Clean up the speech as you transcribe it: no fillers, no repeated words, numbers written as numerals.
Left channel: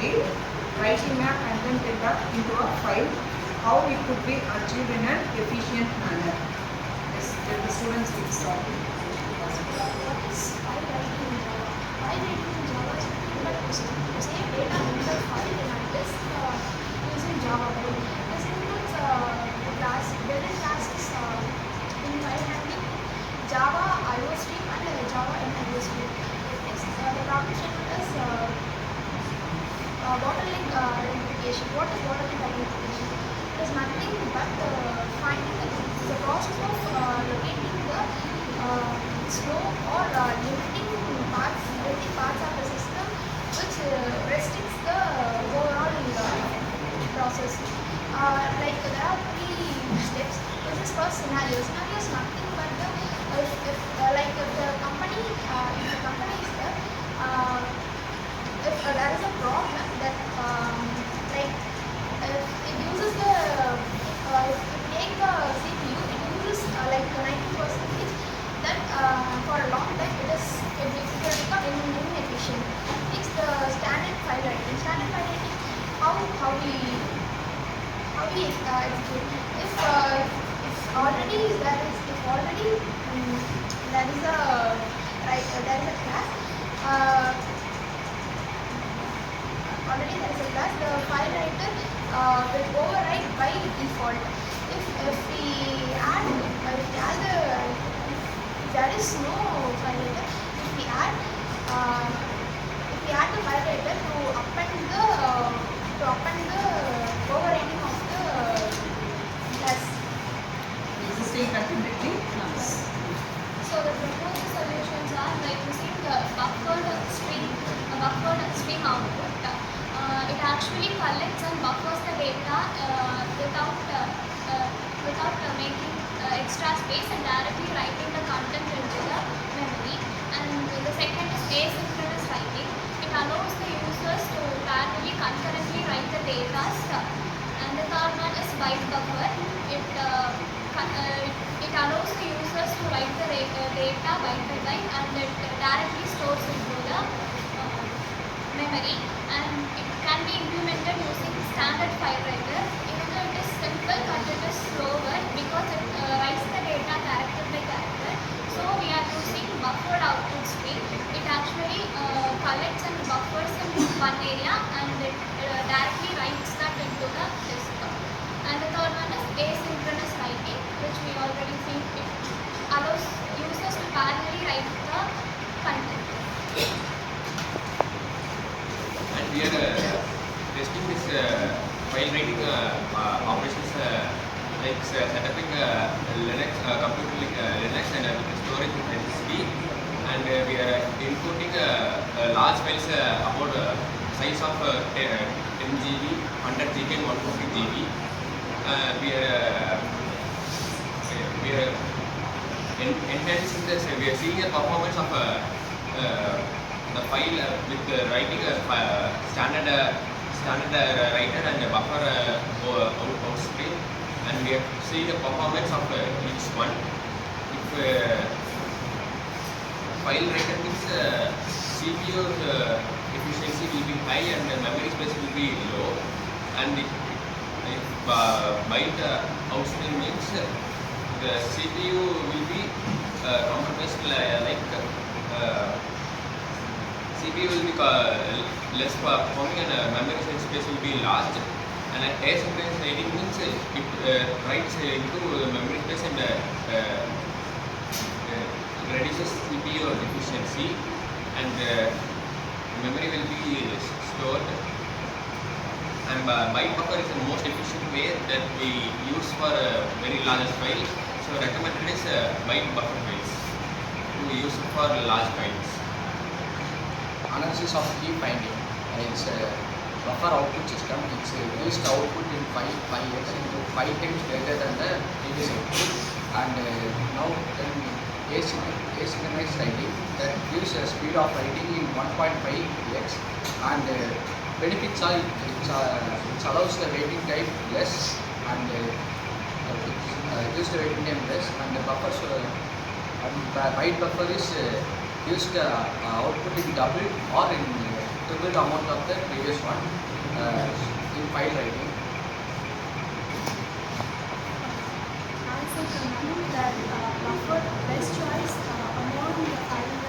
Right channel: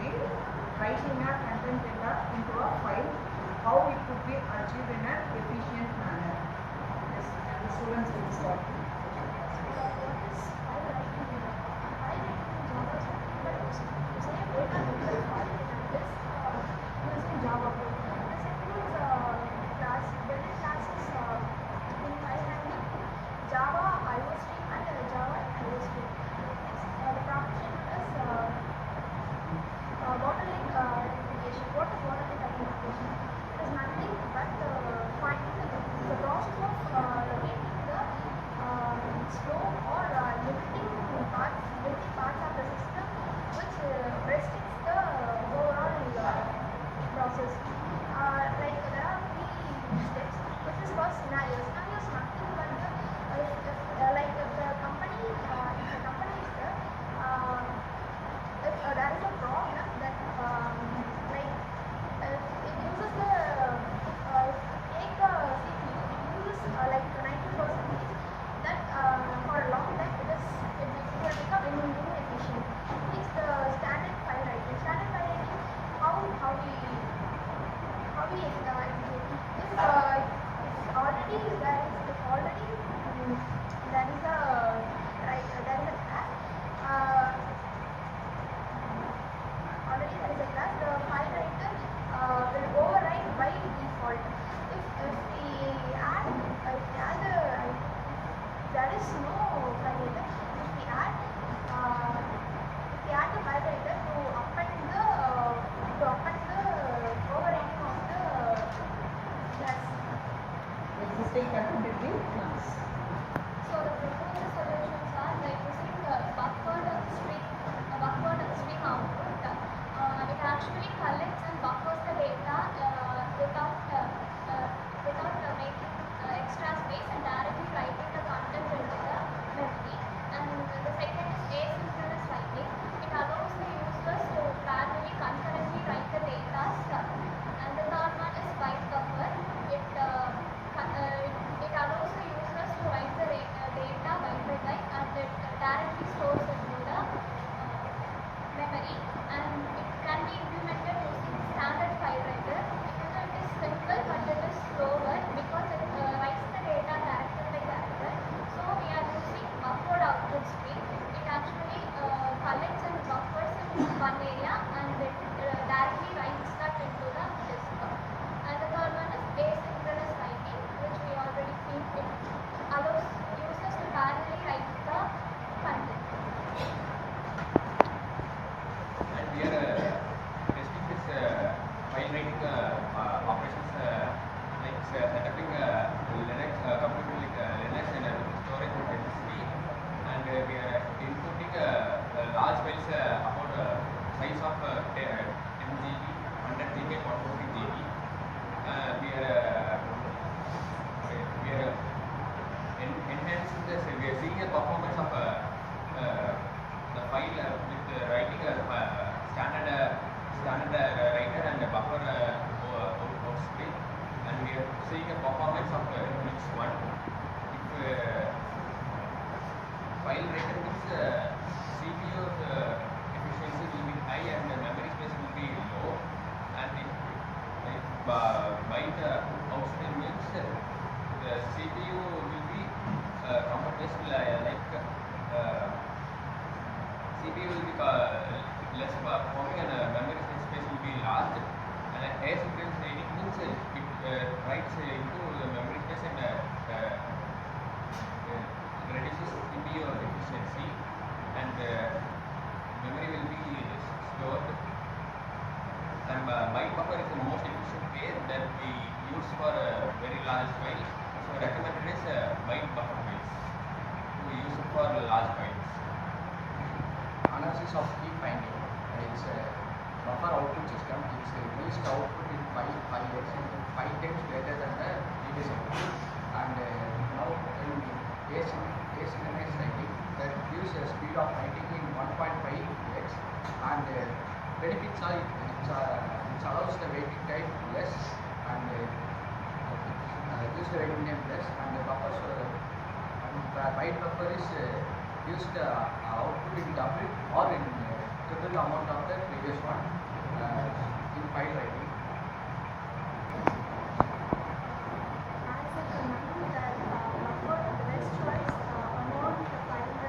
the writing a content data into a file, how it could be achieved in an efficient manner. Yes, let the students will start. What is file writing in Java? File writing in Java is nothing but to save data in the file in a disk using Java code. This includes built-in classes in file handling, Java IO stream, and Java IO stream. Next, the problem statement is bottleneck identification. What is bottleneck identification? It is nothing but finding the process of locating the slow or limiting parts of the system which restricts the overall process. Like there are 3 steps. This is first scenario. Scenario is nothing but the if the company is there, if there is a problem that like if it uses the if you take the CPU, it uses like 90%, then for a long time it will become inefficient. Next, the standard file writing. Standard file writing, how we execute. If already there is a class. Already there is a class. The file writer will override by default. If we add if there is no file writer, if we add the file writer to append the overriding of the class. Existing content in the class. So the proposed solutions are by using the buffered stream output. It actually collects and buffers the data without making extra space and directly writing the content into the memory. And the second is asynchronous writing. It allows the users to parallelly concurrently write the data. And the third one is byte buffer. It allows the users to write the data byte by byte, and it directly stores into the memory, and it can be implemented using standard file writer. Even though it is simple, but it is slower because it writes the data character by character. So we are using buffered output stream. It actually collects and buffers in one area, and it directly writes that into the disk. And the third one is asynchronous writing, which we already seen. It allows users to parallelly write the content. And we are testing this file writing operations like setting Linux computer like Linux and storage in SSD, and we are importing large files about size of 10 GB, 100 GB, and 150 GB. We are enhancing this. We are seeing the performance of the file with writing a standard writer and a buffer outstream, and we are seeing the performance of each one. If file writer means CPU efficiency will be high and the memory space will be low, and if byte outstream means the CPU will be compromised, like CPU will be less performing and memory space will be large. And asynchronous writing means it writes into the memory space and reduces CPU efficiency, and memory will be stored. And byte buffer is the most efficient way that we use for a very large file. So recommended is byte buffer files to use for large files. Analysis of key finding. It's a buffer output system. It's used output in 5x into 5 times greater than the previous output. And now then asynchronous writing that gives a speed of writing in 1.5x, and benefits are it allows the waiting time less, and gives the waiting time less, and the buffers and the byte buffer is used output in double or in triple the amount of the previous one in file writing. As a command that buffer best choice among the file